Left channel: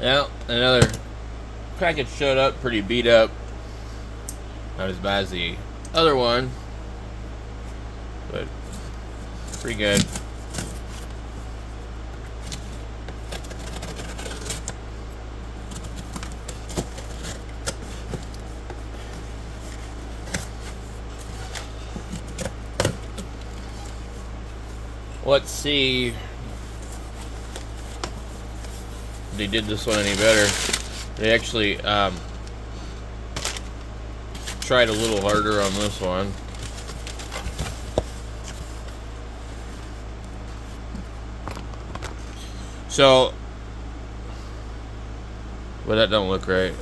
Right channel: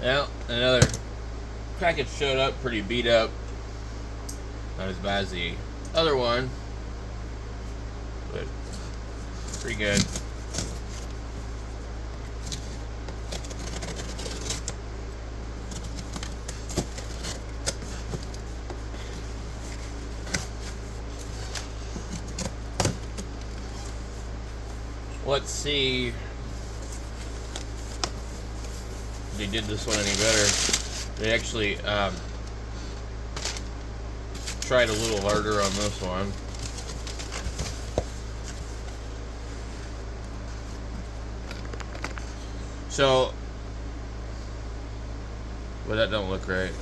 Well, another package showed up pretty beat up. Not as bad as the other one, but pretty good. Let's see if they did this one any better. They actually tried a little harder on this one. So, but that don't look right.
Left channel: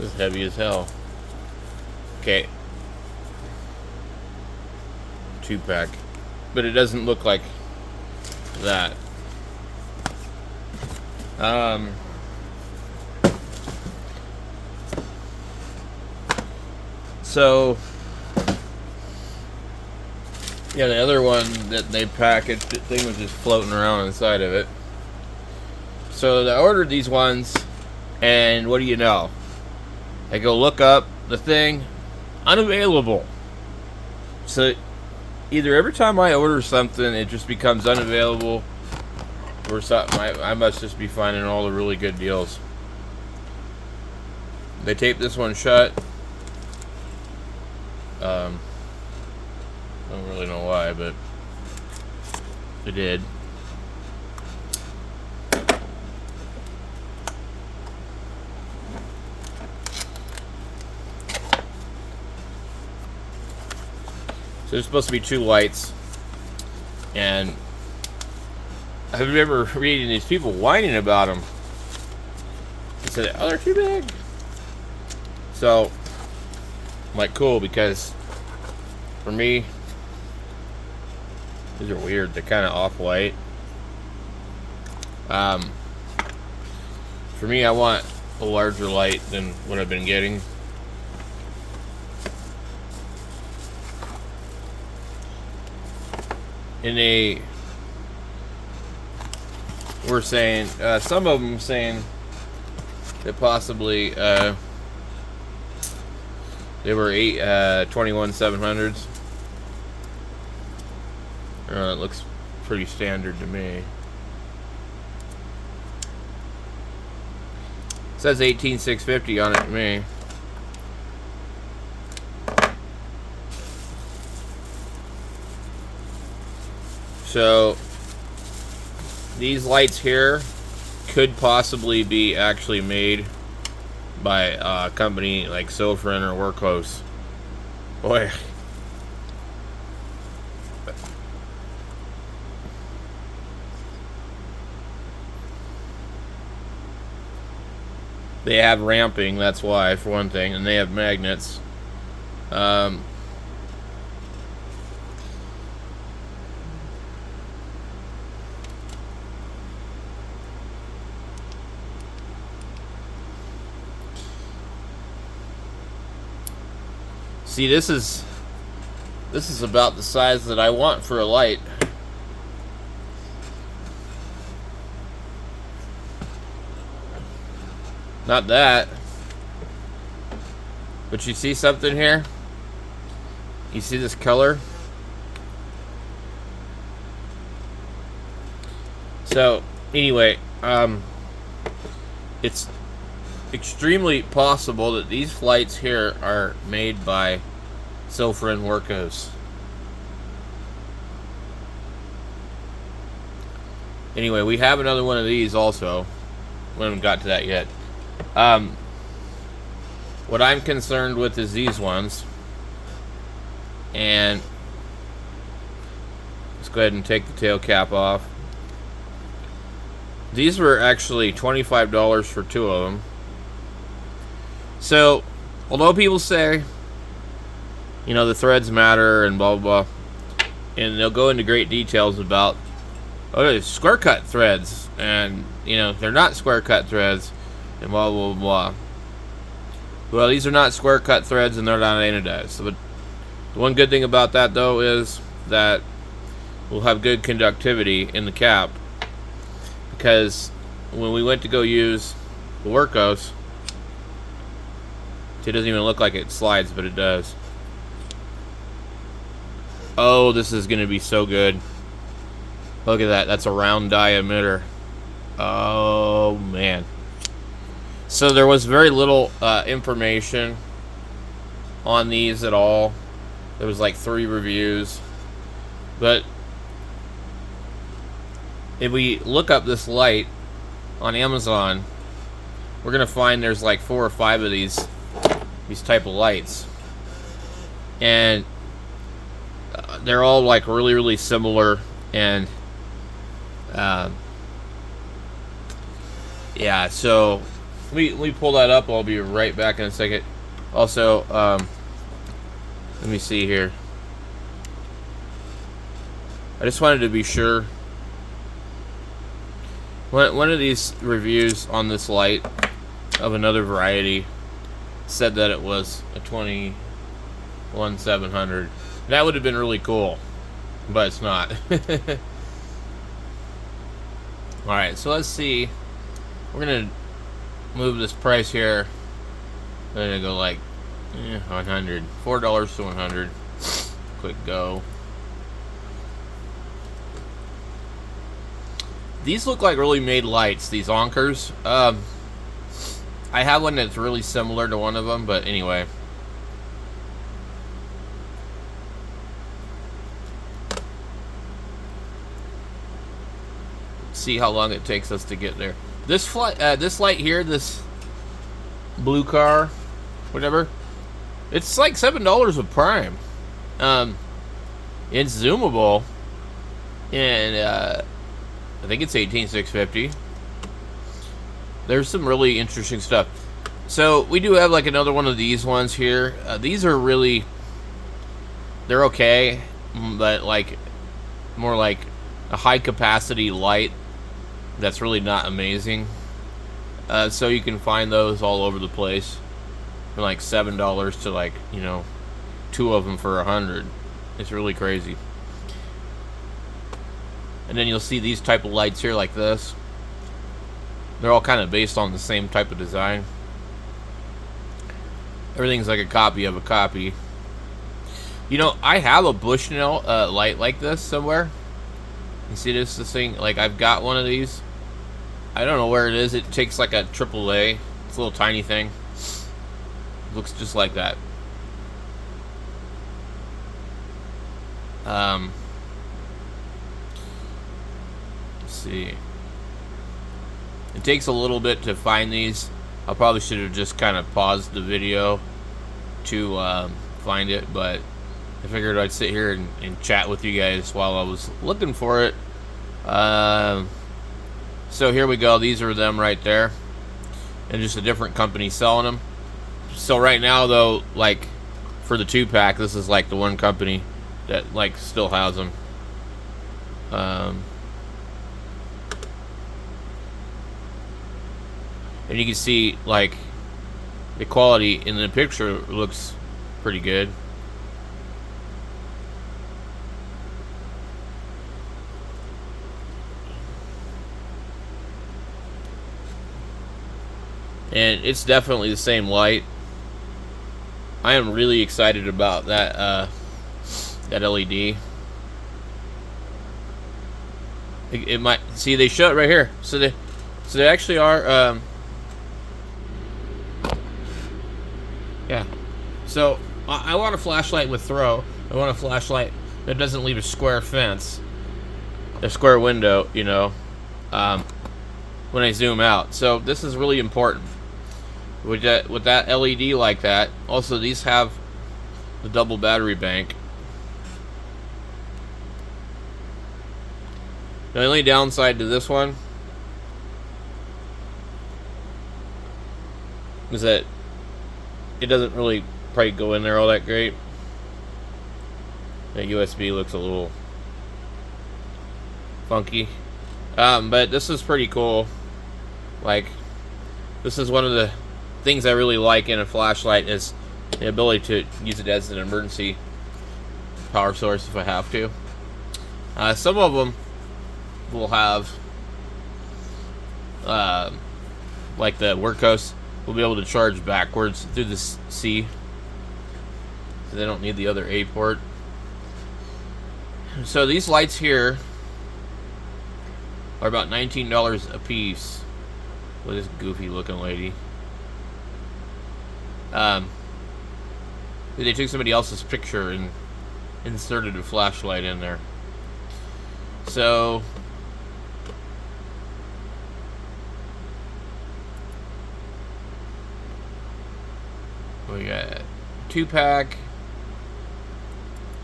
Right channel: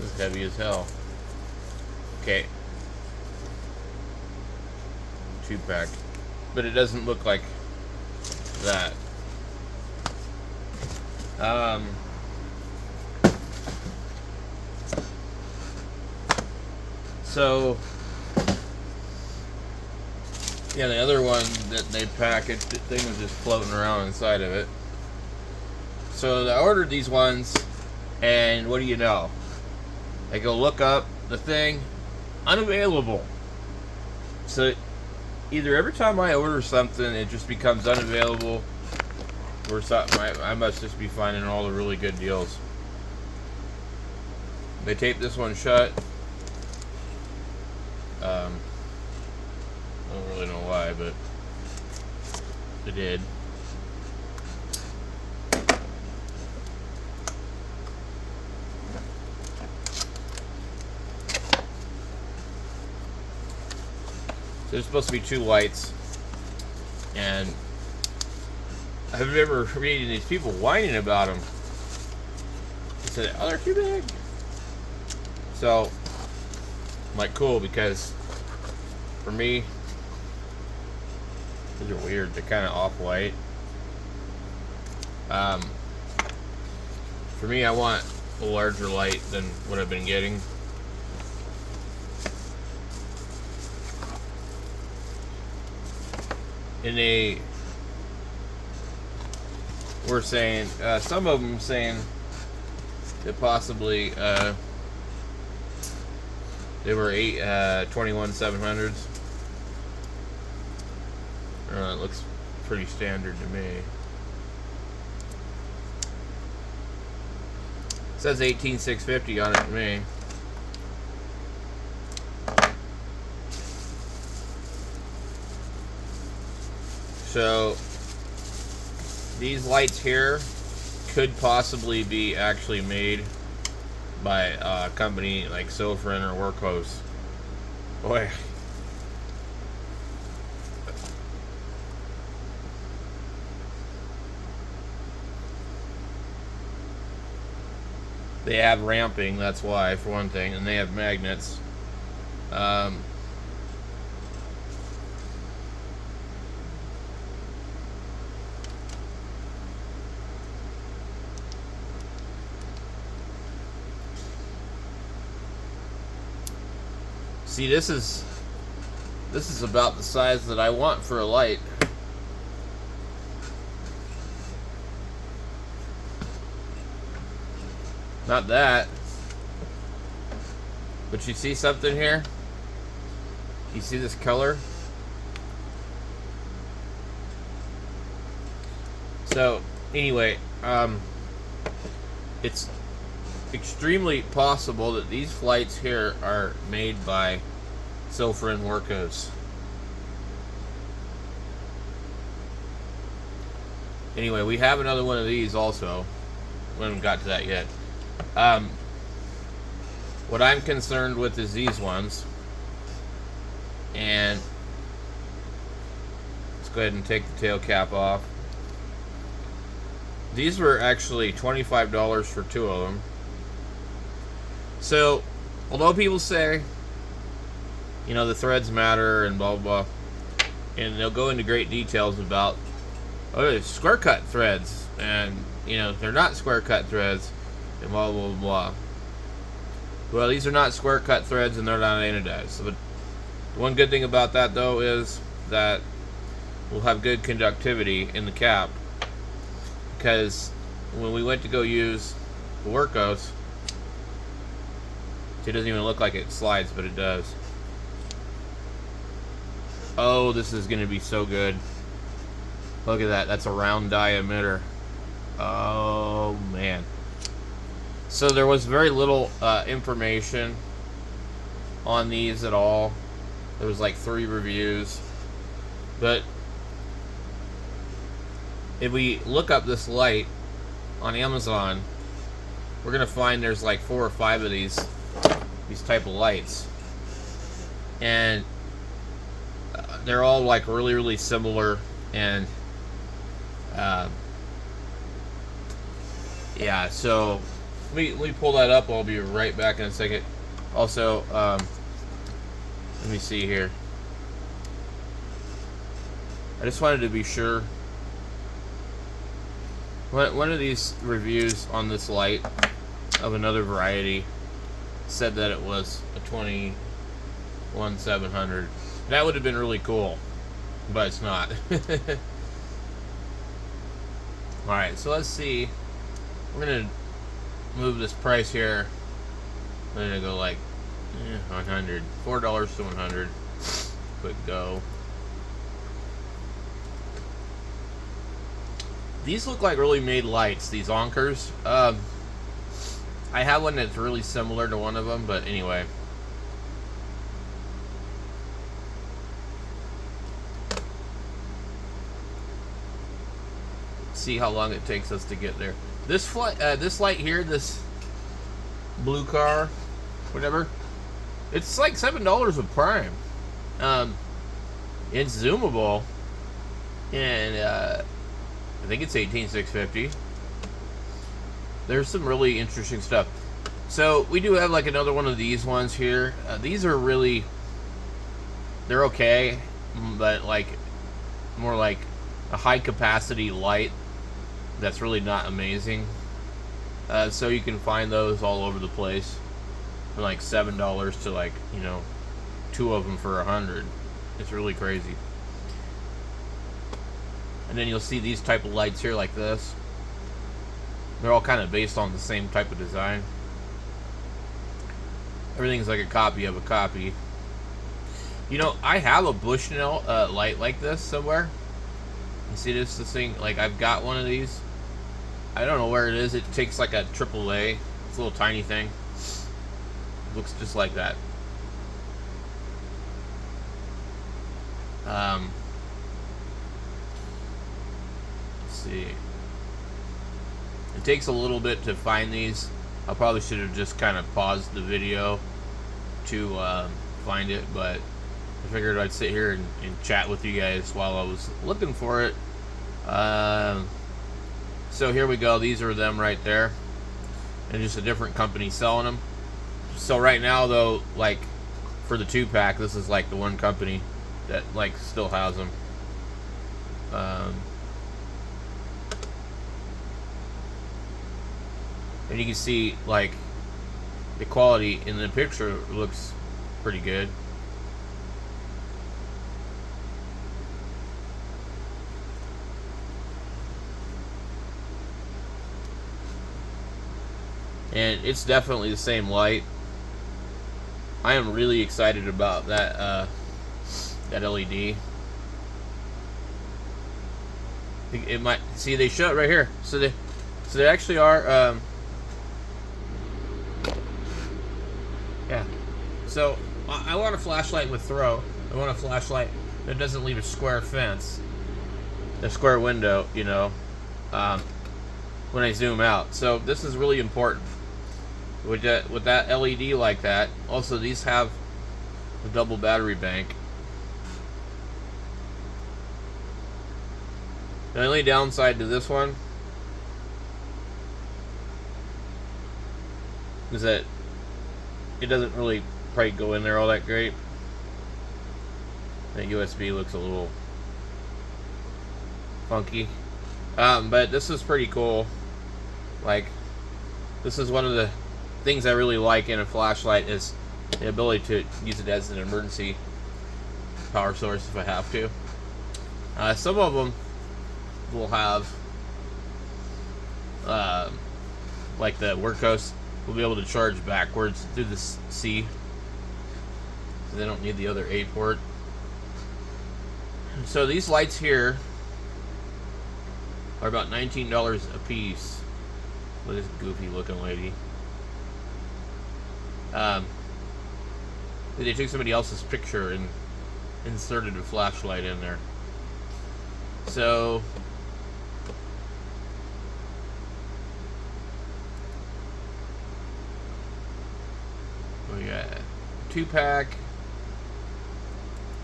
It's heavy as hell. Okay. 2-pack. But it doesn't look like that. So yeah, the other one that they packaged, the thing was just floating around inside of it. So I ordered these ones, and what do you know? I go look up the thing, unavailable. So either every time I order something, it just becomes unavailable, or something. I must just be finding all the really good deals. They taped this one shut. I don't really know why, but they did. So there's supposed to be 2 lights, and I remember reading these people whining about them. They said, "Oh, they're too big." So I'm like, cool, because for me, these are weird. They're kind of off-white. For me, I want a larger light than what I've been getting. And we're saying, some of them saying that possibly they were 21/700s. It looks pretty standard to me. It says 18/650 on it to me. So these lights here could possibly be actually made by a company like Sofrin or Workhorse. Boy. They have ramping, that's why, for one thing, and they have magnets. See, this is about the size that I want for a light. Not that. But you see something here? You see this color? So, anyway, it's extremely possible that these lights here are made by Sofrin Workhorse. Anyway, we have another one of these also. We haven't got to that yet. What I'm concerned with is these ones. And let's go ahead and take the tail cap off. These were actually $25 for 2 of them. So, although people say, you know, the threads matter and blah, blah, blah, and they'll go into great details about, oh, there's square cut threads, and, you know, they're not square cut threads, and blah, blah, blah. Well, these are not square cut threads, and they're not anodized. So, but the one good thing about that, though, is that we'll have good conductivity in the cap. because when we went to go use the Workos, it doesn't even look like it slides, but it does. Oh, this is going to be so good. Look at that. That's a round die emitter. Oh, man. So there was very little information on these at all. There was like 3 reviews. But if we look up this light on Amazon, we're going to find there's like 4 or 5 of these type of lights. And they're all like really, really similar. And yeah, so let me pull that up. I'll be right back in a second. Also, let me see here. I just wanted to be sure. One of these reviews on this light of another variety said that it was a 21700. That would have been really cool, but it's not. Alright, so let's see. We're going to move this price here. We're going to go like 100. $4 to 100. Quick go. These look like really made lights, these Onkers. I have one that's really similar to one of them, but anyway. See how long it takes us to get there. This light here, this blue car, whatever, it's like $7 with Prime. It's zoomable, and I think it's $18,650. There's some really interesting stuff. So we do have like another one of these ones here. These are really, they're okay, but like more like a high capacity light that's really not amazing. So you can find those all over the place from like $7 to like, you know, 2 of them for 100. It's really crazy. And then you'll see these type of lights here like this. They're all kind of based on the same type of design. Everything's like a copy of a copy. You know, I have a Bushnell light like this somewhere. You see this thing? Like, I've got one of these. I don't know where it is. It takes like a AAA. It's a little tiny thing. It looks just like that. Let's see. It takes a little bit to find these. I probably should have just kind of paused the video to find it, but I figured I'd sit here and chat with you guys while I was looking for it. So here we go. These are them right there, and just a different company selling them. So right now, though, like for the 2-pack, this is like the one company that like still has them. And you can see like the quality in the picture looks pretty good. And it's definitely the same light. I am really excited about that that LED. It might, see, they show it right here. So they actually are yeah. So I want a flashlight with throw. I want a flashlight that doesn't leave a square fence, a square window, you know, when I zoom out. So this is really important. With that LED like that. Also, these have the double battery bank. The only downside to this one is that it doesn't really probably go in there all that great. That USB looks a little funky. But this is pretty cool. Like, this is one of the things I really like in a flashlight, is the ability to use it as an emergency power source if I have to. Some of them will have like the workhorse, will be able to charge backwards through the C. So they don't need the other A port. So these lights here are about $19 a piece. With this goofy looking lady. They took somebody else's picture and inserted a flashlight in there. So we got a 2-pack,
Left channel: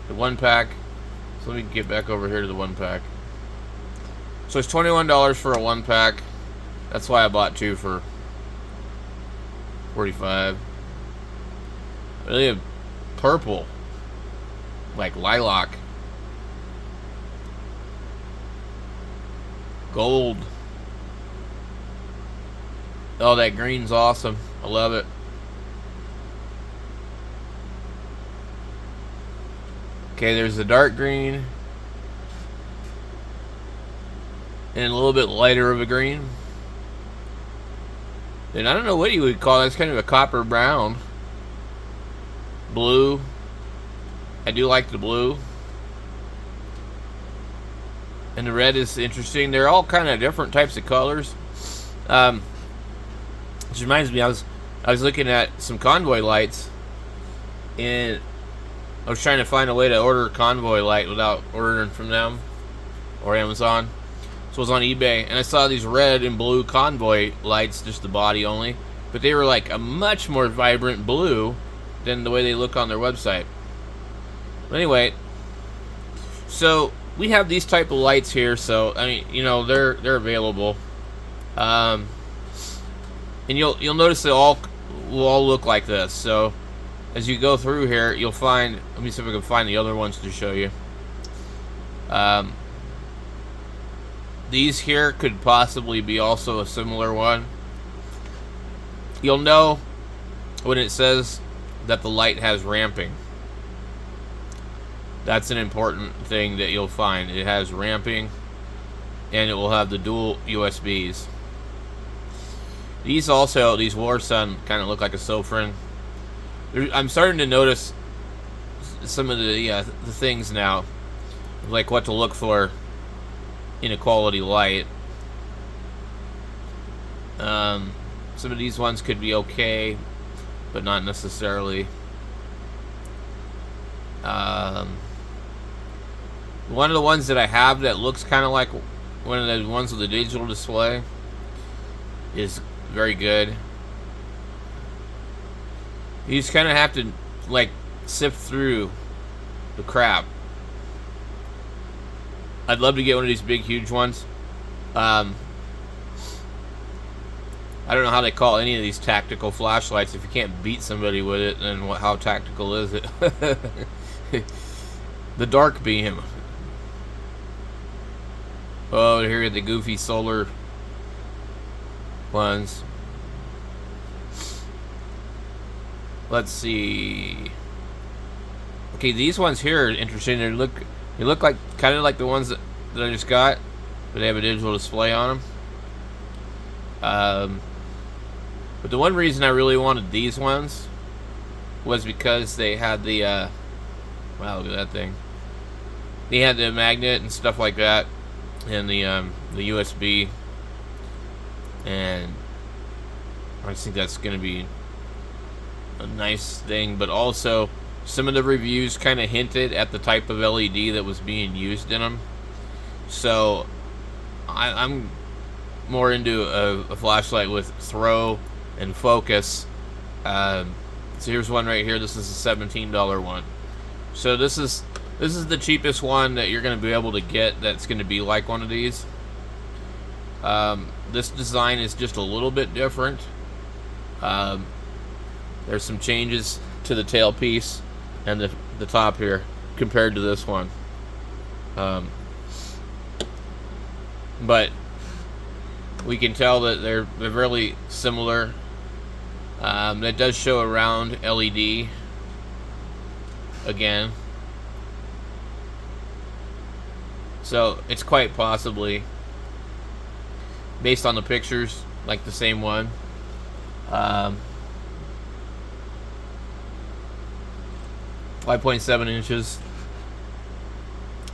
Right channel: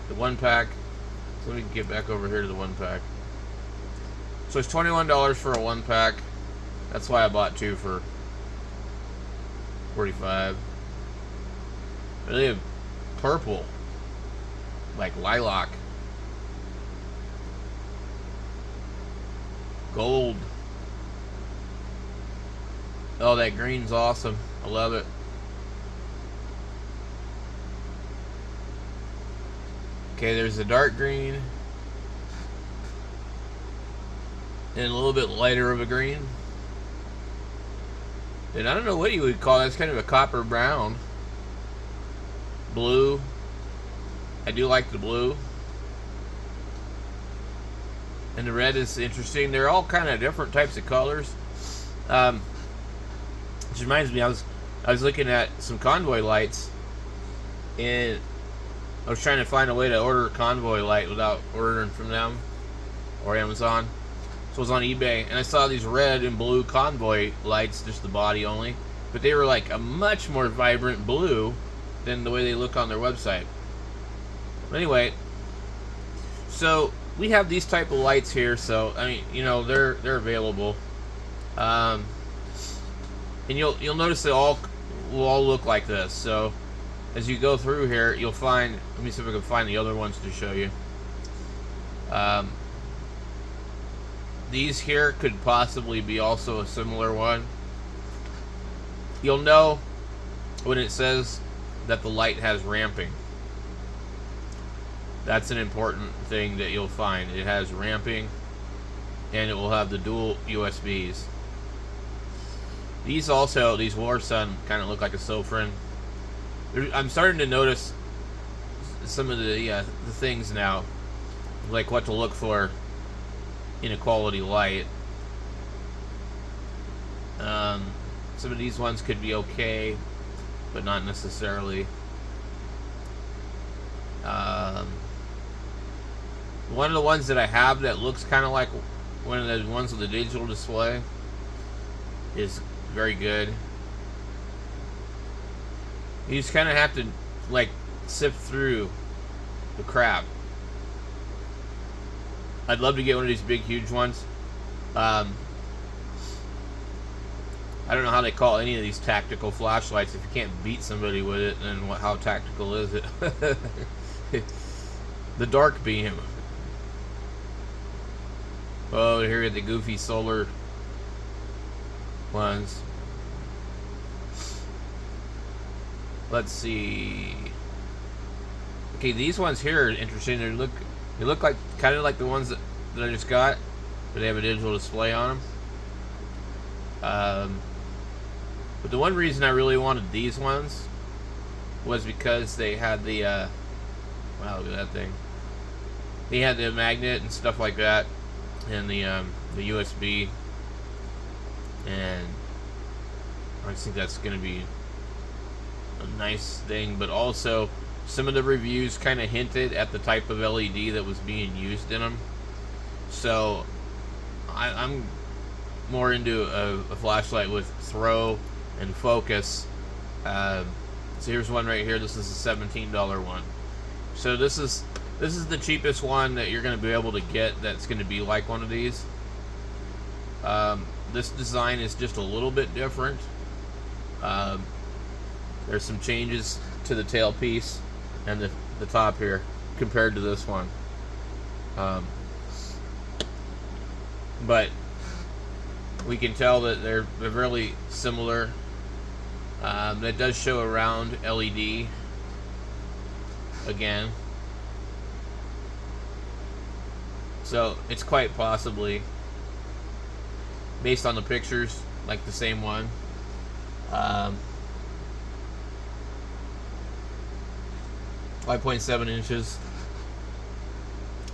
the 1-pack. So let me get back over here to the 1-pack. So it's $21 for a 1-pack. That's why I bought 2 for $45. Really a purple, like lilac, gold. Oh, that green's awesome. I love it. Okay, there's the dark green and a little bit lighter of a green. And I don't know what you would call that. It's kind of a copper brown. Blue. I do like the blue. And the red is interesting. They're all kind of different types of colors. Which reminds me, I was looking at some Convoy lights, and I was trying to find a way to order a Convoy light without ordering from them or Amazon. So I was on eBay, and I saw these red and blue Convoy lights, just the body only, but they were like a much more vibrant blue than the way they look on their website. But anyway, so we have these type of lights here. So I mean, you know, they're available, and you'll notice they all will all look like this. So as you go through here, you'll find. Let me see if I can find the other ones to show you. These here could possibly be also a similar one. You'll know when it says that the light has ramping. That's an important thing that you'll find. It has ramping, and it will have the dual USBs. These also, these War Sun, kind of look like a Sofrin. I'm starting to notice some of the things now, like what to look for in a quality light. Some of these ones could be okay, but not necessarily. One of the ones that I have that looks kind of like one of the ones with the digital display is very good. You just kind of have to like sift through the crap. I'd love to get one of these big, huge ones. I don't know how they call any of these tactical flashlights. If you can't beat somebody with it, then how tactical is it? The dark beam. Oh, here are the goofy solar ones. Let's see. Okay, these ones here are interesting. They look like kind of like the ones that I just got, but they have a digital display on them. But the one reason I really wanted these ones was because they had the wow, look at that thing. They had the magnet and stuff like that, and the USB, and I just think that's going to be a nice thing. But also, some of the reviews kind of hinted at the type of LED that was being used in them. So I'm more into a flashlight with throw and focus. So here's one right here. This is a $17 one. So this is the cheapest one that you're going to be able to get that's going to be like one of these. This design is just a little bit different. There's some changes to the tailpiece and the top here compared to this one. But we can tell that they're really similar. That does show a round LED again. So it's quite possibly based on the pictures, like the same one. 5.7 inches,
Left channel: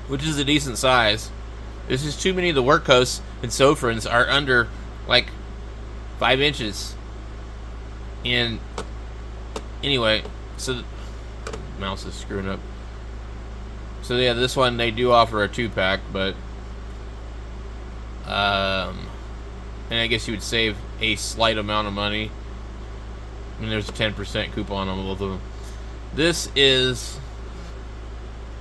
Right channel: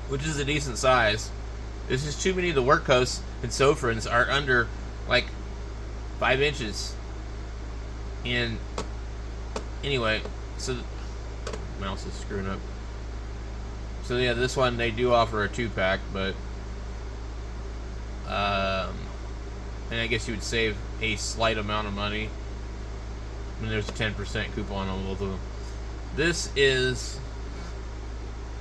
which is a decent size. There's just too many of the work coasts and Sofrans are under like 5 inches. And anyway, so the mouse is screwing up. So yeah, this one they do offer a 2-pack, but and I guess you would save a slight amount of money. And there's a 10% coupon on both of them. This is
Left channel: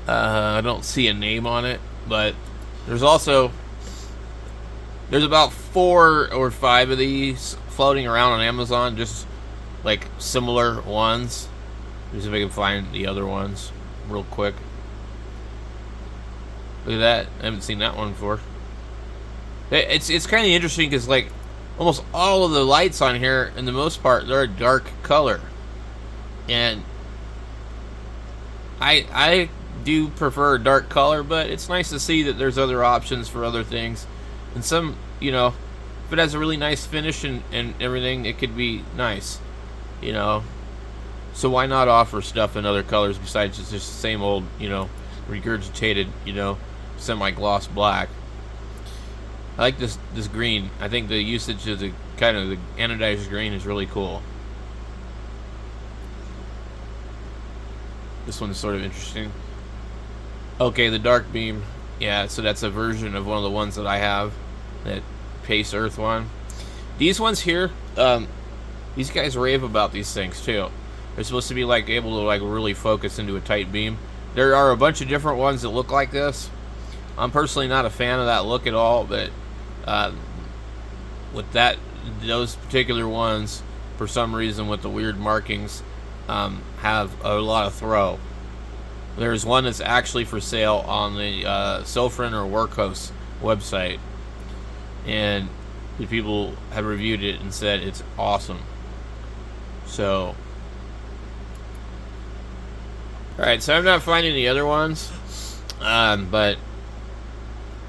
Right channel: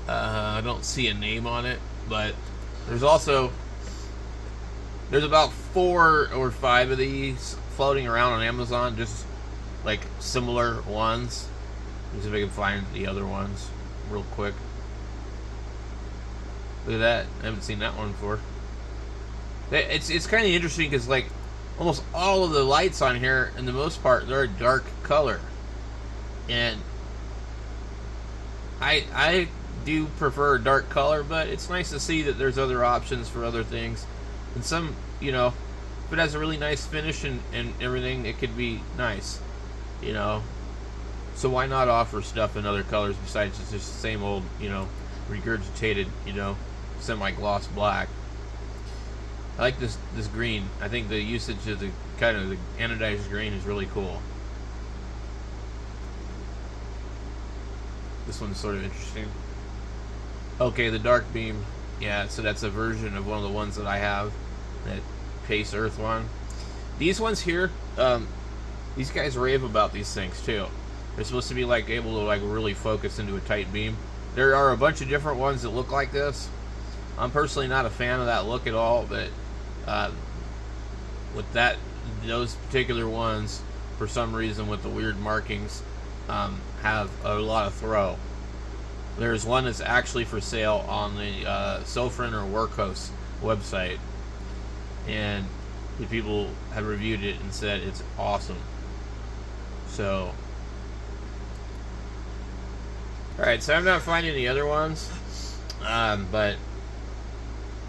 I don't see a name on it, but there's about 4 or 5 of these floating around on Amazon, just like similar ones. Let's see if I can find the other ones real quick. Look at that. I haven't seen that one before. It's kind of interesting because like almost all of the lights on here, in the most part, they're a dark color, and I do prefer a dark color, but it's nice to see that there's other options for other things, and some, you know, if it has a really nice finish and everything, it could be nice, you know. So why not offer stuff in other colors besides just the same old, you know, regurgitated, you know, semi-gloss black. I like this green. I think the usage of the kind of the anodized green is really cool. This one's sort of interesting. Okay, the dark beam. Yeah, so that's a version of one of the ones that I have, that Pace Earth one. These ones here, these guys rave about these things too. They're supposed to be like able to like really focus into a tight beam. There are a bunch of different ones that look like this. I'm personally not a fan of that look at all, but with those particular ones, for some reason with the weird markings, have a lot of throw. There's one that's actually for sale on the Sofran or Workhorse website, and the people have reviewed it and said it's awesome. So, alright, so I'm not finding the other ones, but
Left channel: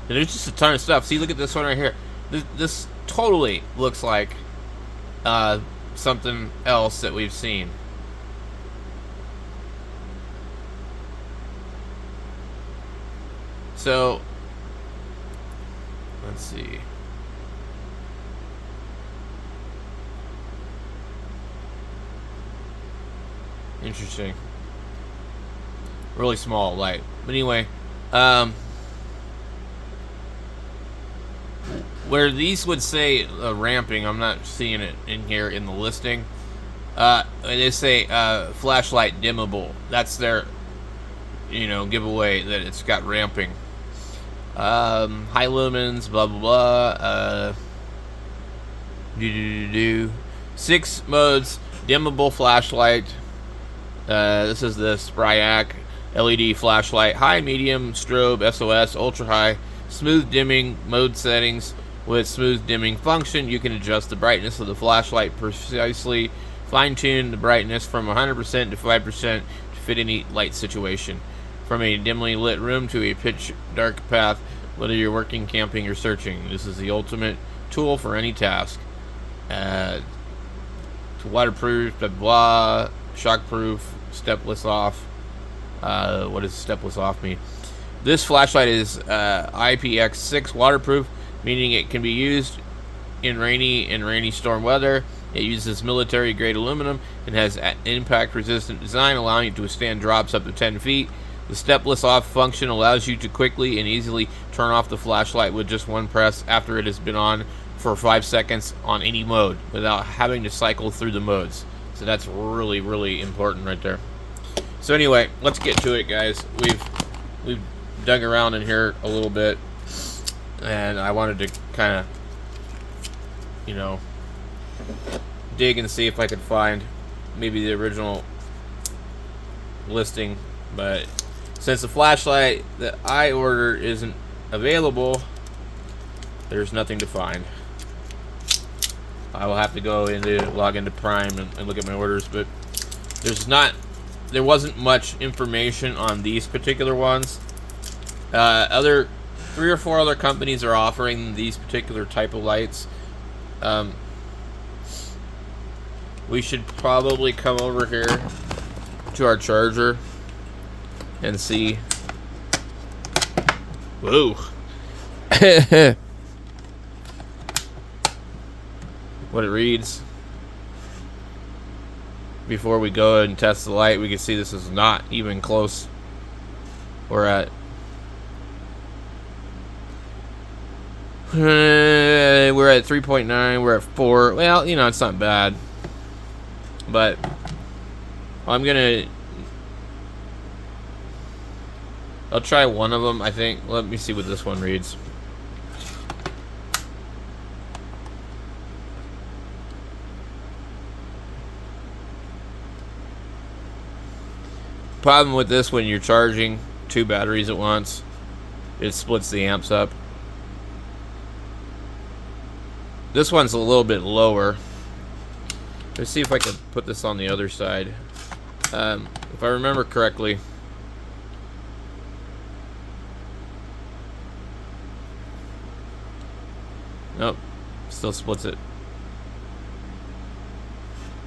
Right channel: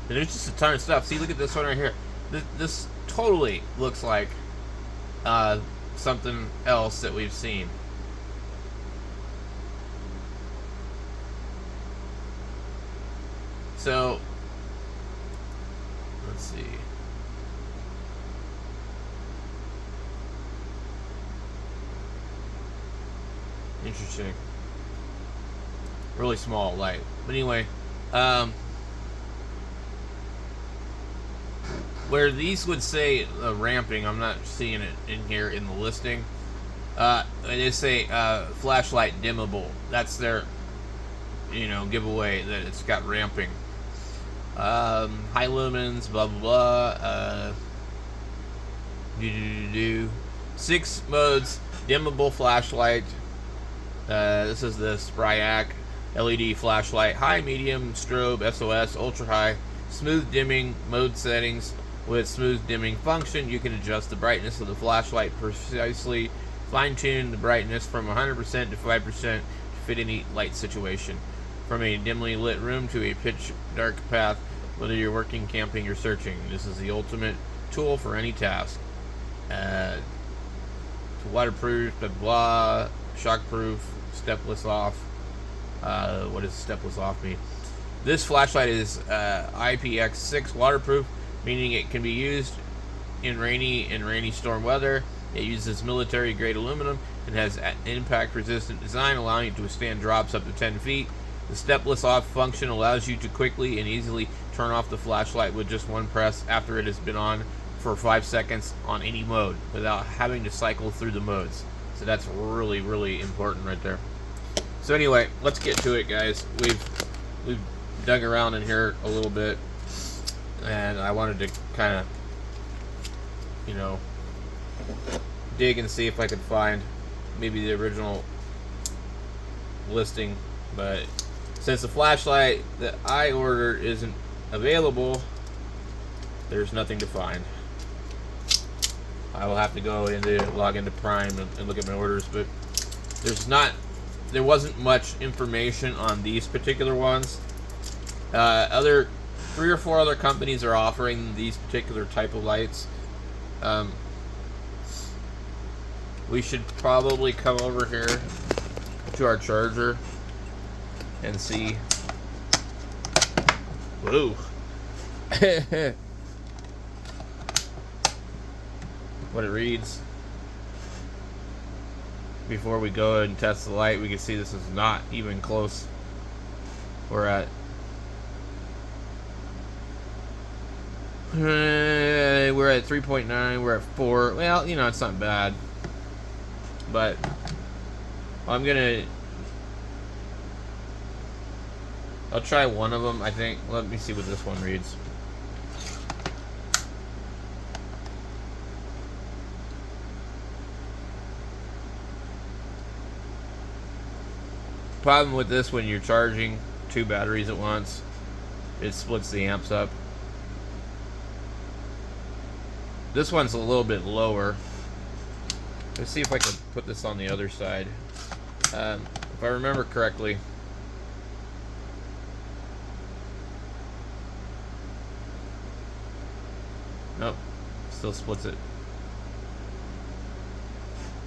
there's just a ton of stuff. See, look at this one right here. This totally looks like something else that we've seen. So, let's see. Interesting. Really small light. But anyway, where these would say ramping, I'm not seeing it in here in the listing. They say flashlight dimmable. That's their, you know, giveaway that it's got ramping. High lumens, blah blah blah. 6 modes, dimmable flashlight. This is the Spryac LED flashlight. High, medium, strobe, SOS, ultra high, smooth dimming mode settings. With smooth dimming function, you can adjust the brightness of the flashlight precisely, fine-tune the brightness from 100% to 5% to fit any light situation. From a dimly lit room to a pitch dark path, whether you're working, camping, or searching, this is the ultimate tool for any task. Waterproof, blah blah, shockproof, stepless off. What does stepless off mean? This flashlight is IPX6 waterproof, meaning it can be used in rainy storm weather. It uses military-grade aluminum and has an impact-resistant design, allowing it to withstand drops up to 10 feet. The stepless off function allows you to quickly and easily turn off the flashlight with just one press after it has been on for 5 seconds on any mode, without having to cycle through the modes. So that's really, really important right there. So anyway, let's get to it, guys. We've dug around in here a little bit, and I wanted to kind of, you know, dig and see if I could find maybe the original listing. But since the flashlight that I ordered isn't available, there's nothing to find. I will have to go log into Prime and look at my orders, but there wasn't much information on these particular ones. Other 3 or 4 other companies are offering these particular type of lights. We should probably come over here to our charger and see. Whoa. What it reads. Before we go and test the light, we can see this is not even close. We're at 3.9. We're at 4. Well, you know, it's not bad. But I'll try one of them, I think. Let me see what this one reads. Problem with this, when you're charging 2 batteries at once, it splits the amps up. This one's a little bit lower. Let's see if I can put this on the other side. If I remember correctly, nope, still splits it.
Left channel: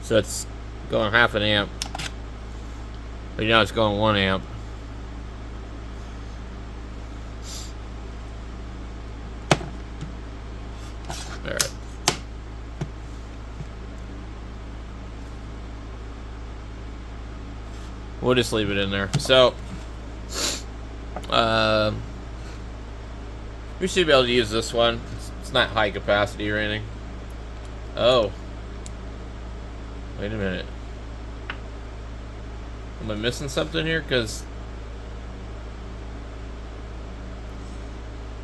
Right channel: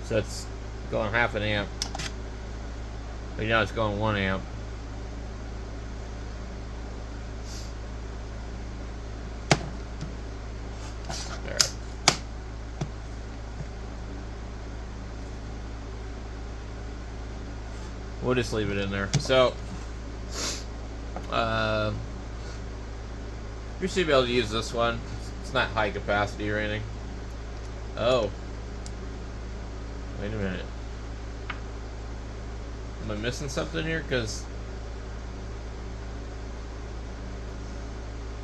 So it's going half an amp. But now it's going 1 amp. Alright. We'll just leave it in there. So, we should be able to use this one. It's not high capacity or anything. Oh. Wait a minute. Am I missing something here? Because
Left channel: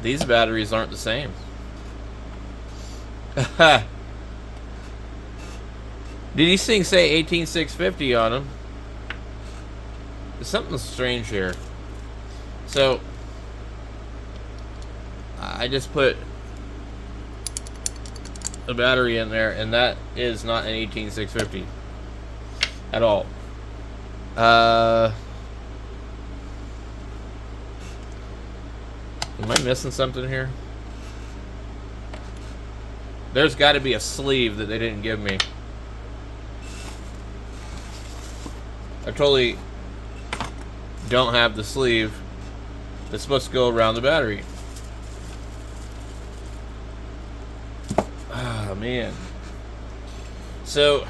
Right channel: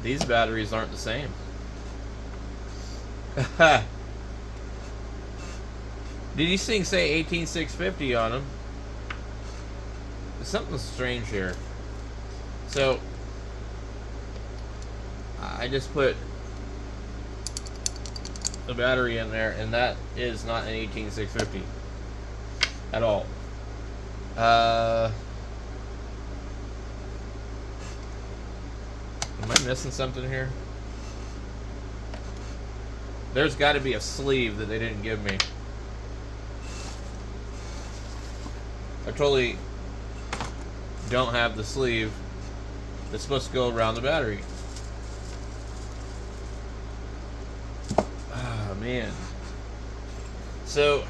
these batteries aren't the same. Did these things say 18650 on them? There's something strange here. So I just put a battery in there, and that is not an 18650 at all. Am I missing something here? There's got to be a sleeve that they didn't give me. I totally don't have the sleeve that's supposed to go around the battery. Oh, man. So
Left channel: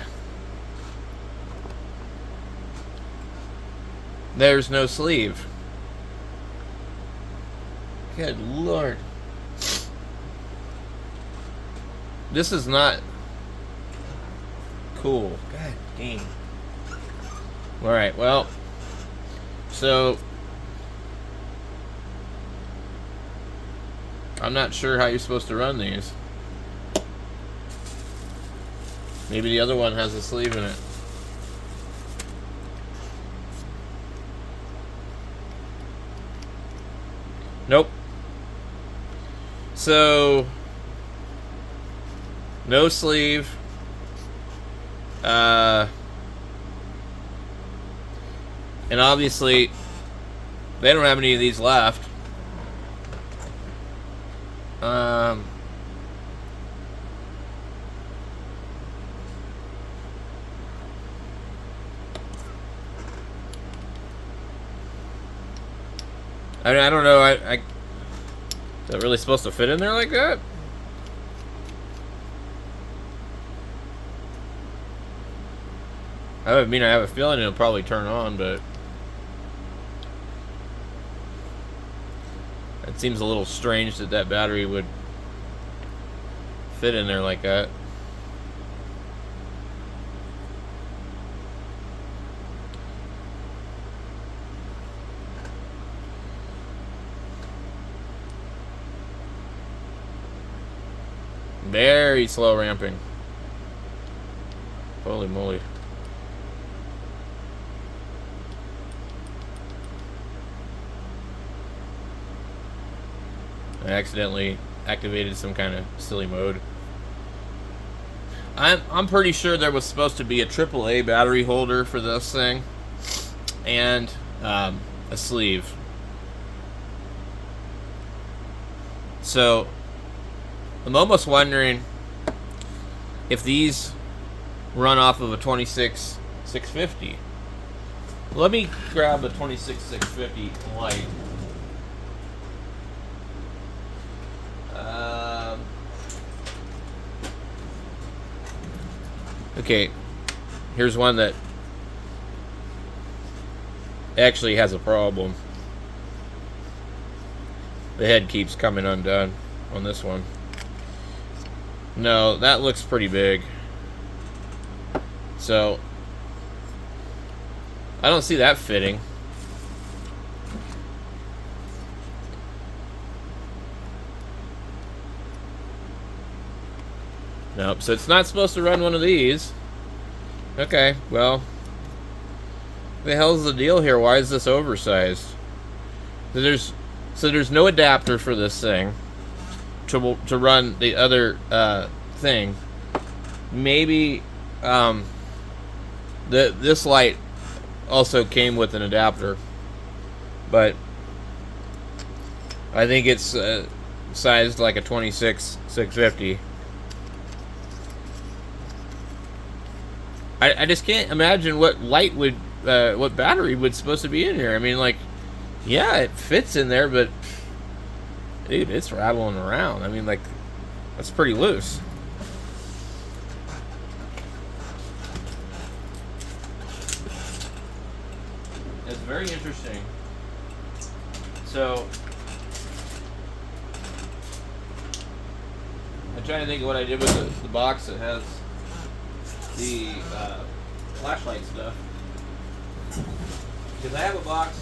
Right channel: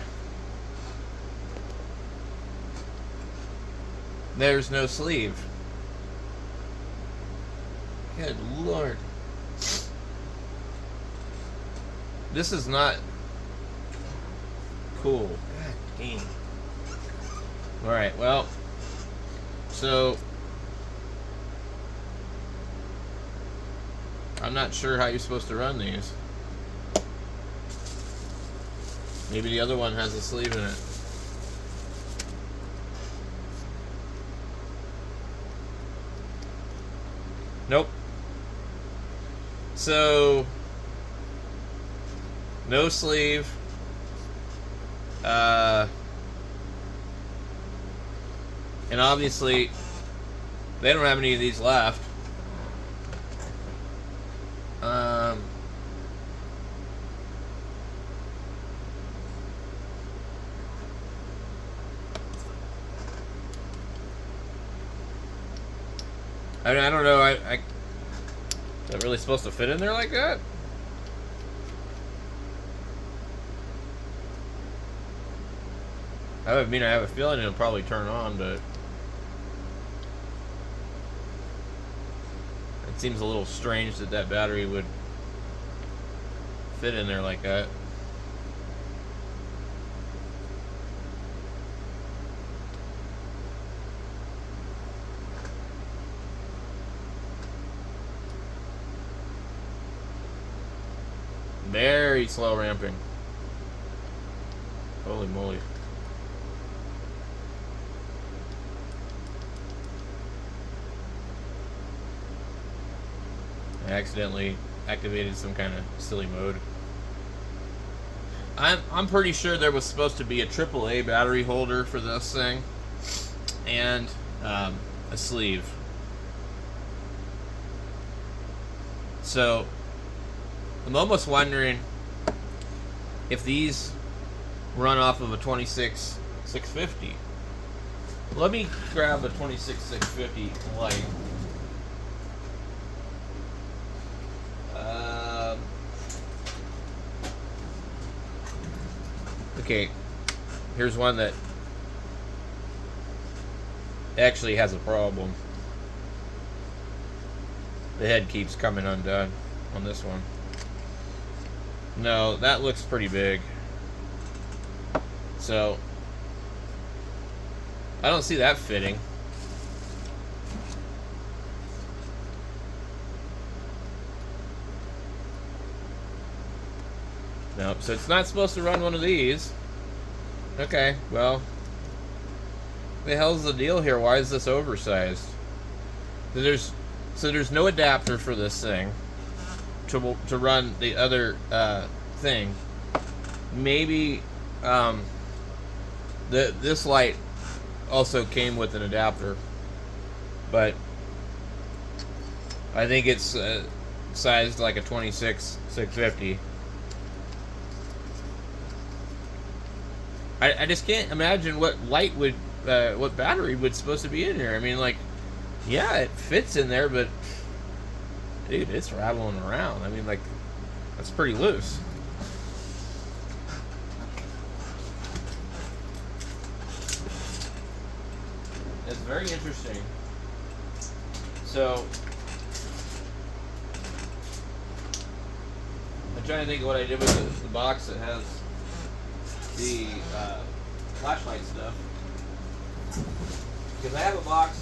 there's no sleeve. Good Lord. This is not cool. God dang. Alright, well, so I'm not sure how you're supposed to run these. Maybe the other one has a sleeve in it. Nope. So, no sleeve. And obviously, they don't have any of these left. I mean, I don't know. Is that really supposed to fit in there like that? I mean, I have a feeling it'll probably turn on, but it seems a little strange that that battery would fit in there like that. Very slow ramping. Holy moly. I accidentally activated some kind of silly mode. I'm pretty sure there was supposed to be a AAA battery holder for this thing, and a sleeve. So I'm almost wondering if these run off of a 26-650. Let me grab a 26-650 light. Okay, here's one that actually has a problem. The head keeps coming undone on this one. No, that looks pretty big. So I don't see that fitting. Nope, so it's not supposed to run one of these. Okay, well, what the hell's the deal here? Why is this oversized? So there's no adapter for this thing to run the other thing. Maybe this light also came with an adapter, but I think it's sized like a 26-650. I just can't imagine what light would, what battery would supposed to be in here. I mean, like, yeah, it fits in there, but dude, it's rattling around. I mean, like, that's pretty loose. That's very interesting. So, I'm trying to think of what I did with the box that has the flashlight stuff, because I have a box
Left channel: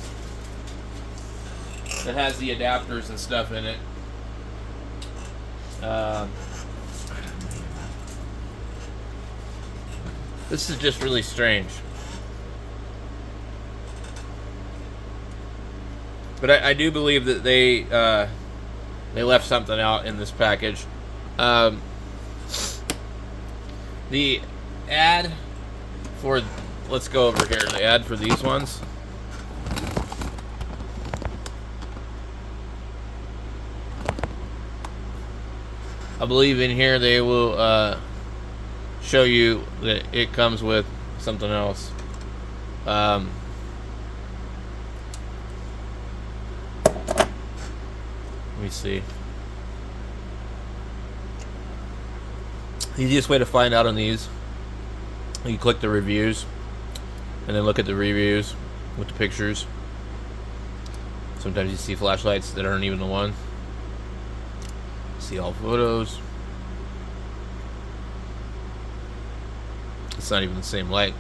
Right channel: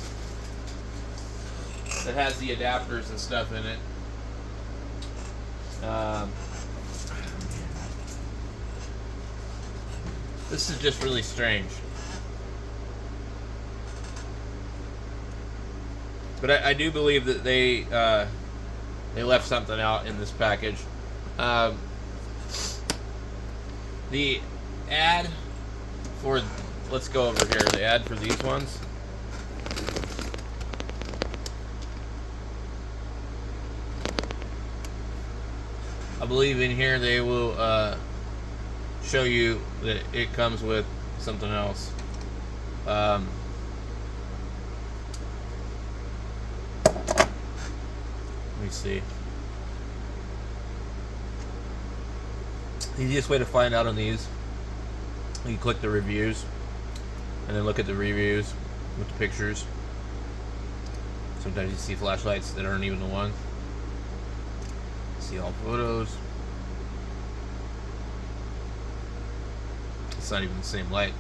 that has the adapters and stuff in it. This is just really strange, but I do believe that they left something out in this package. The ad for, let's go over here, the ad for these ones. I believe in here they will show you that it comes with something else. Let me see. The easiest way to find out on these, you click the reviews and then look at the reviews with the pictures. Sometimes you see flashlights that aren't even the one. See all photos. It's not even the same light.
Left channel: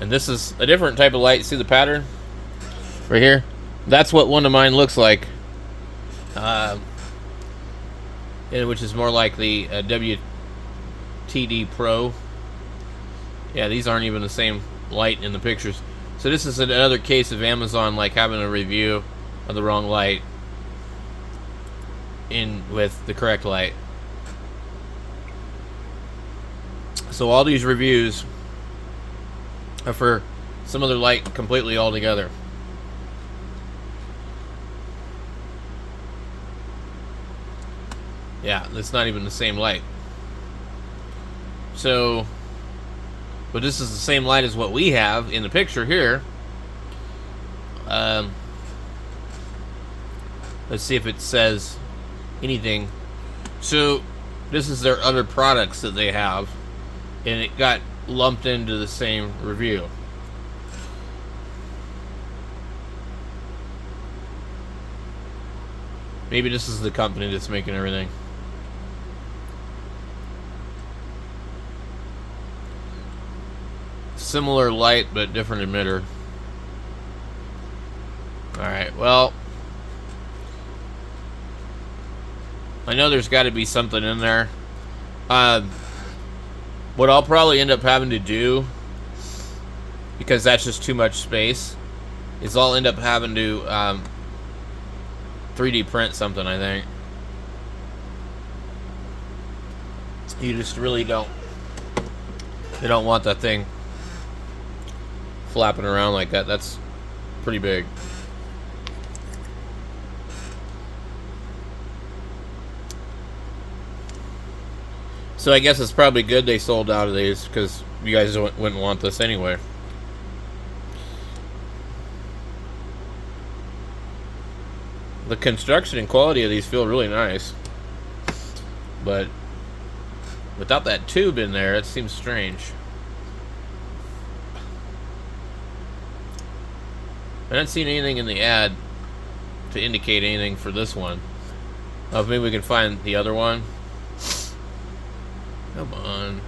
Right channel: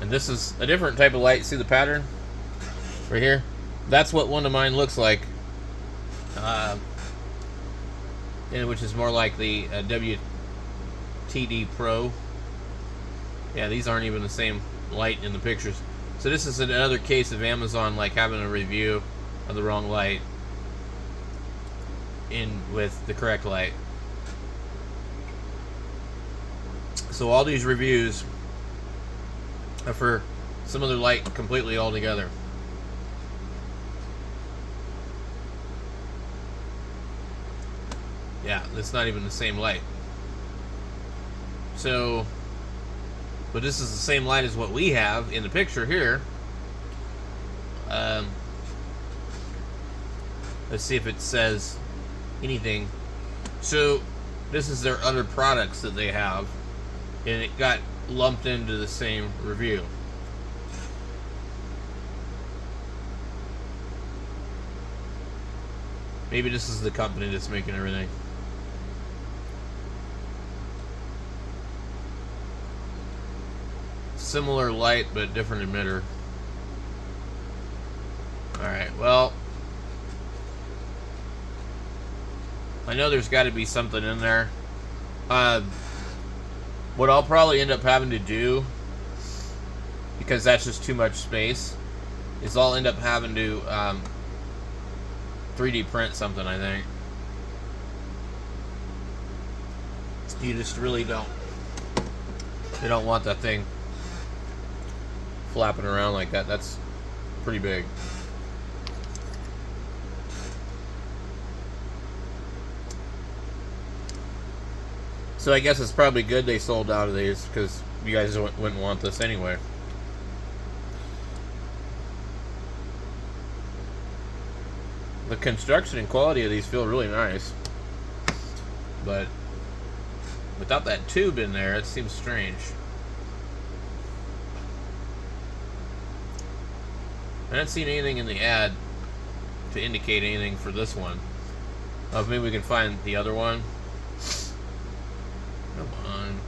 And this is a different type of light. See the pattern right here? That's what one of mine looks like. And which is more like the WTD Pro. Yeah, these aren't even the same light in the pictures. So this is another case of Amazon like having a review of the wrong light in with the correct light. So all these reviews are for some other light completely altogether. Yeah, it's not even the same light. So, but this is the same light as what we have in the picture here. Let's see if it says anything. So, this is their other products that they have, and it got lumped into the same review. Maybe this is the company that's making everything. Similar light, but different emitter. Alright, well, I know there's got to be something in there. What I'll probably end up having to do, because that's just too much space, is I'll end up having to 3D print something, I think. You just really don't, you don't want that thing flapping around like that. That's pretty big. So I guess it's probably good they sold out of these, because you guys wouldn't want this anyway. The construction and quality of these feel really nice, but without that tube in there, it seems strange. I haven't seen anything in the ad to indicate anything for this one. Maybe we can find the other one. Come on.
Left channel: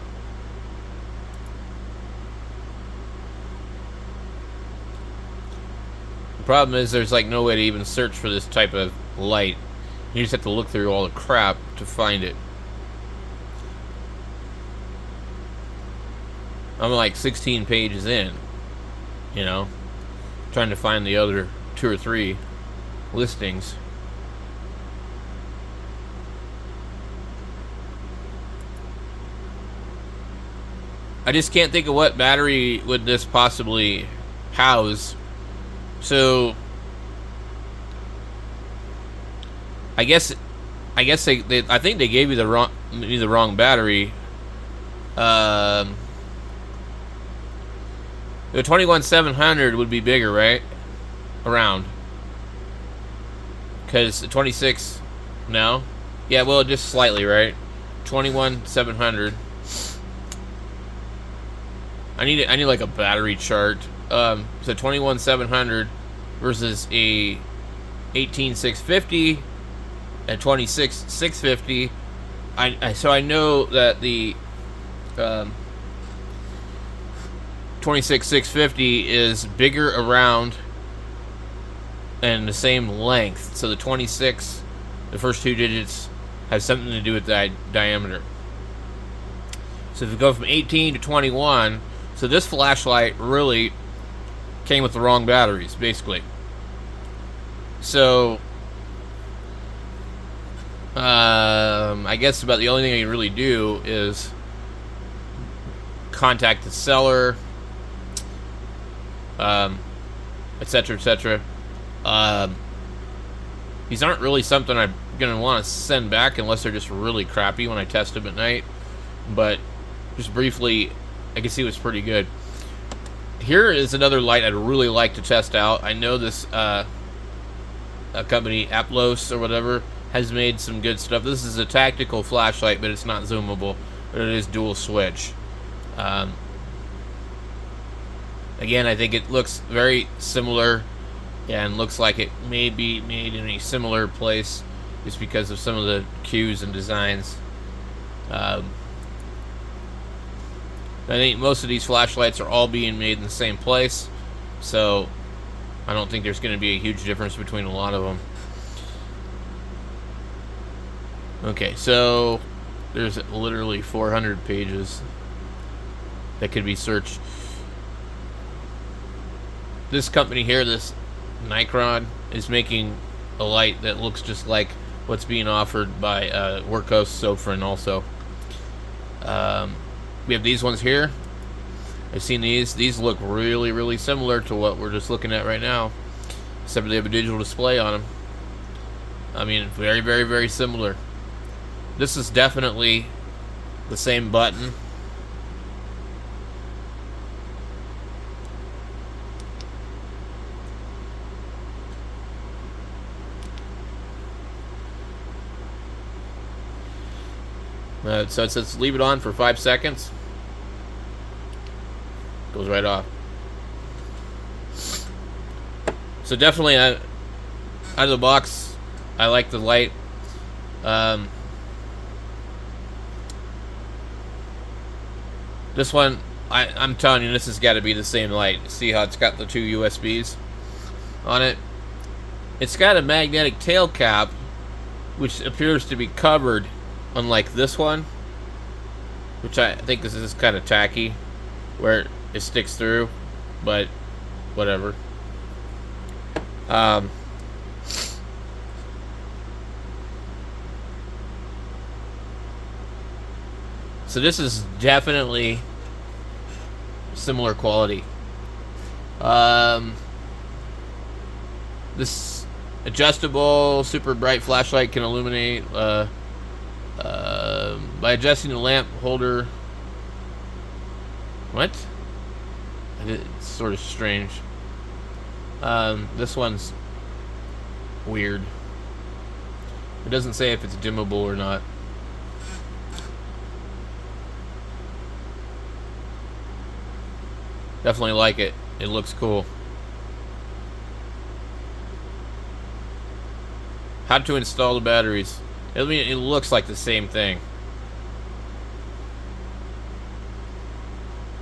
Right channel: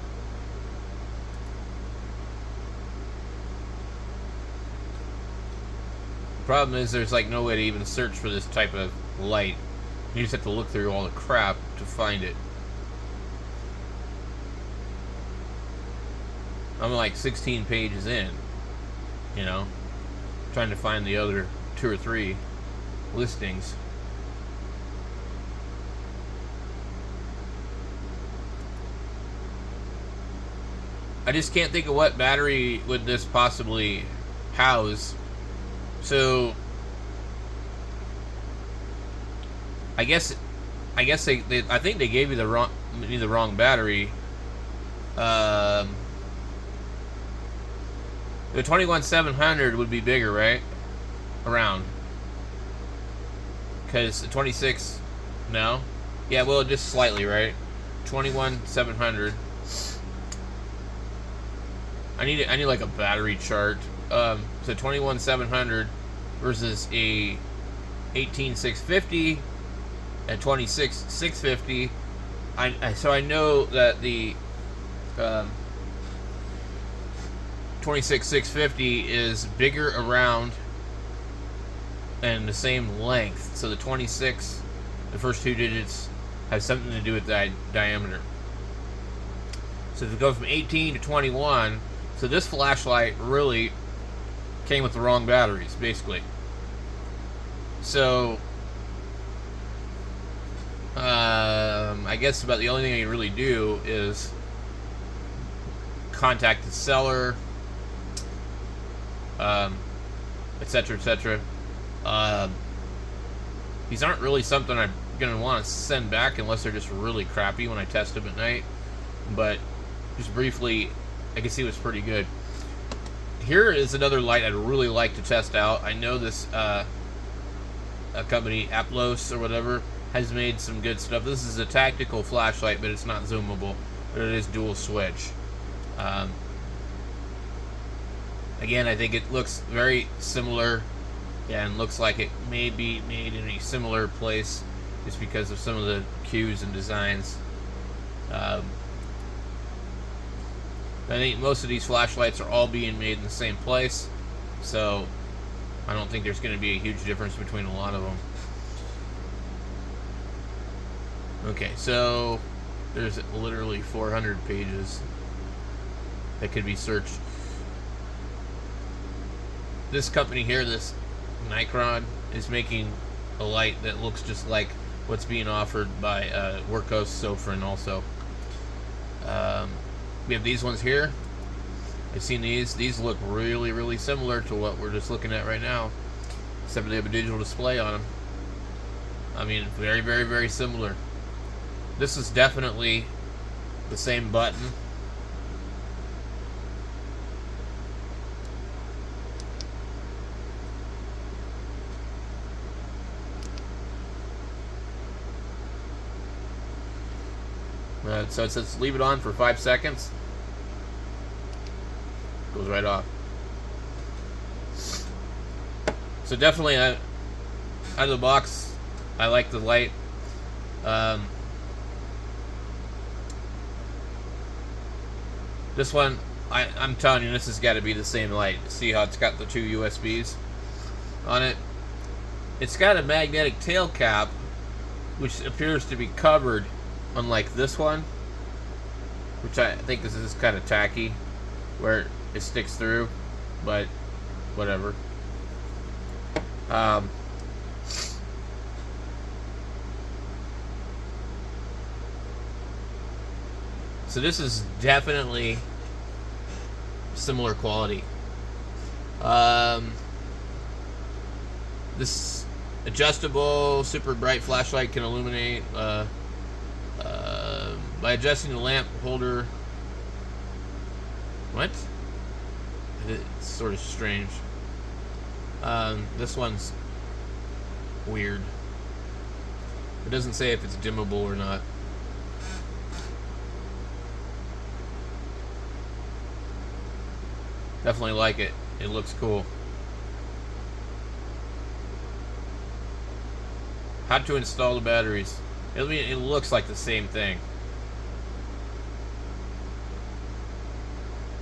The problem is there's like no way to even search for this type of light. You just have to look through all the crap to find it. I'm like 16 pages in, you know, trying to find the other 2 or 3 listings. I just can't think of what battery would this possibly house. So I guess they I think they gave you the wrong battery. The 21700 would be bigger, right? Around. Because the 26, no? Yeah, well, just slightly, right? 21700. I need like a battery chart. So 21700 versus a 18650 and 26650. So I know that the 26650 is bigger around and the same length. So the 26, the first 2 digits, have something to do with the diameter. So if you go from 18 to 21, so this flashlight really came with the wrong batteries, basically. So I guess about the only thing I can really do is contact the seller, etc., etc. These aren't really something I'm gonna want to send back unless they're just really crappy when I test them at night. But just briefly, I can see it was pretty good. Here is another light I'd really like to test out. I know this a company, Aplos or whatever, has made some good stuff. This is a tactical flashlight, but it's not zoomable. But it is dual switch. Again, I think it looks very similar and looks like it may be made in a similar place just because of some of the cues and designs. I think most of these flashlights are all being made in the same place, so I don't think there's going to be a huge difference between a lot of them. Okay, so there's literally 400 pages that could be searched. This company here, this Nikon, is making a light that looks just like what's being offered by Workhorse Sofrin also. We have these ones here. I've seen these. These look really, really similar to what we're just looking at right now, except they have a digital display on them. I mean, very, very, very similar. This is definitely the same button. So it says leave it on for 5 seconds. Goes right off. So definitely, out of the box, I like the light. This one, I'm telling you, this has got to be the same light. See how it's got the 2 USBs on it? It's got a magnetic tail cap, which appears to be covered, unlike this one, which I think this is kind of tacky, where it sticks through, but whatever. So this is definitely similar quality. This adjustable super bright flashlight can illuminate by adjusting the lamp holder. What? It's sort of strange. This one's weird. It doesn't say if it's dimmable or not. Definitely like it. It looks cool. How to install the batteries. I mean, it looks like the same thing.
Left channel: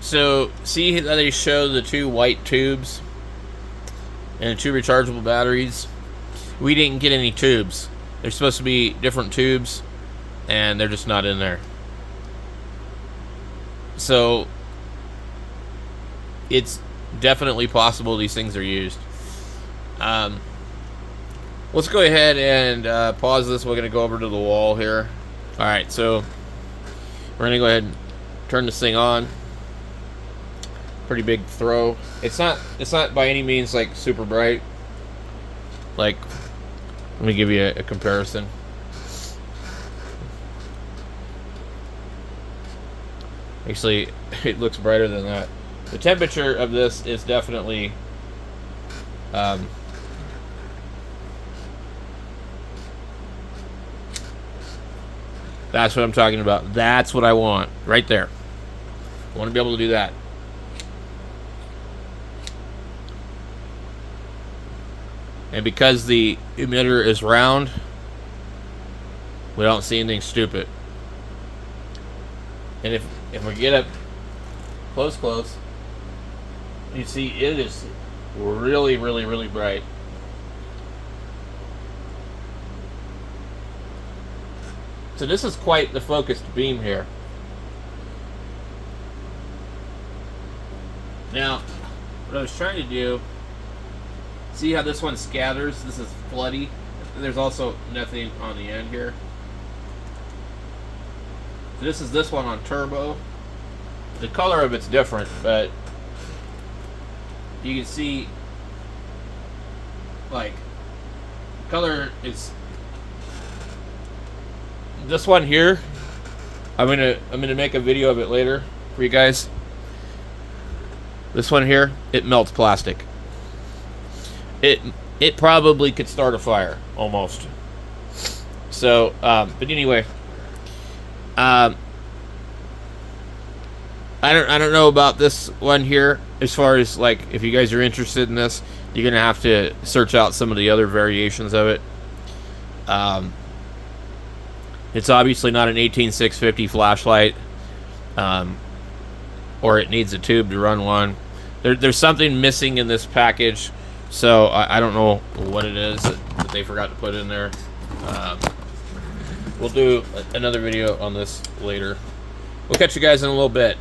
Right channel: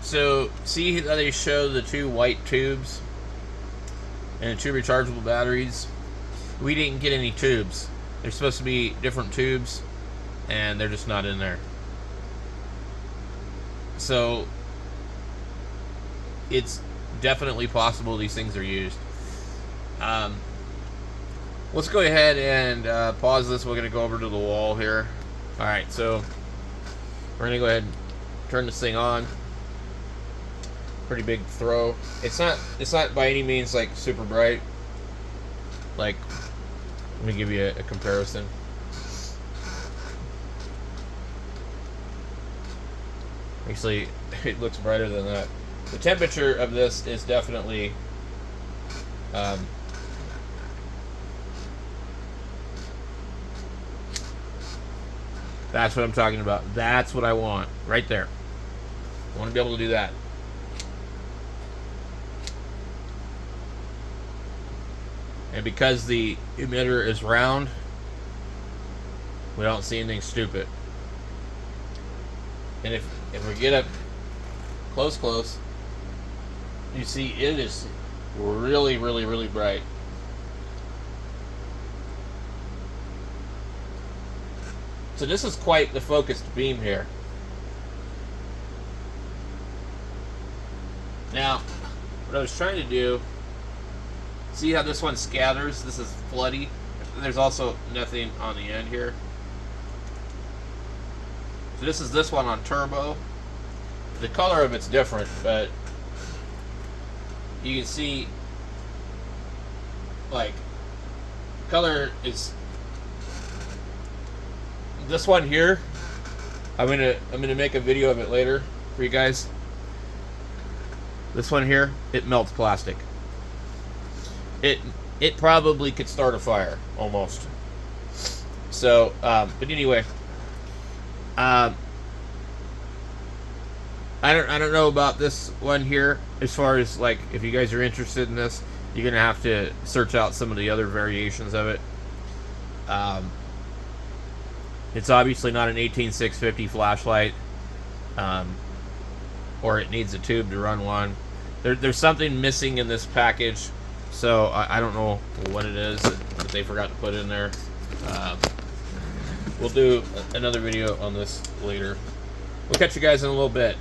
So, see how they show the two white tubes and the two rechargeable batteries? We didn't get any tubes. They're supposed to be different tubes, and they're just not in there. So, it's definitely possible these things are used. Let's go ahead and pause this. We're going to go over to the wall here. Alright, so we're going to go ahead and turn this thing on. Pretty big throw. It's not by any means like super bright. Like, let me give you a comparison. Actually, it looks brighter than that. The temperature of this is definitely that's what I'm talking about. That's what I want right there. I want to be able to do that. And because the emitter is round, we don't see anything stupid. And if we get up close, you see it is really, really, really bright. So this is quite the focused beam here. Now, what I was trying to do, see how this one scatters? This is floody. There's also nothing on the end here. So this is this one on turbo. The color of it's different, but you can see, like, color is this one here. I'm gonna make a video of it later for you guys. This one here, it melts plastic. It probably could start a fire almost. So, but anyway, I don't know about this one here. As far as, like, if you guys are interested in this, you're gonna have to search out some of the other variations of it. It's obviously not an 18650 flashlight, or it needs a tube to run one. There's something missing in this package, so I don't know what it is that they forgot to put in there. We'll do another video on this later. We'll catch you guys in a little bit.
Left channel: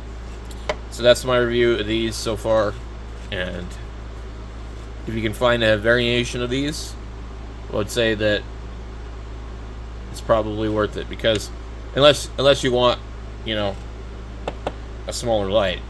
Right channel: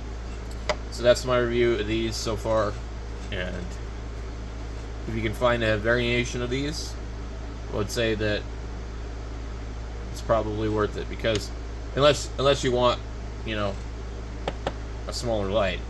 So that's my review of these so far, and if you can find a variation of these, I would say that it's probably worth it, because unless you want, you know, a smaller light.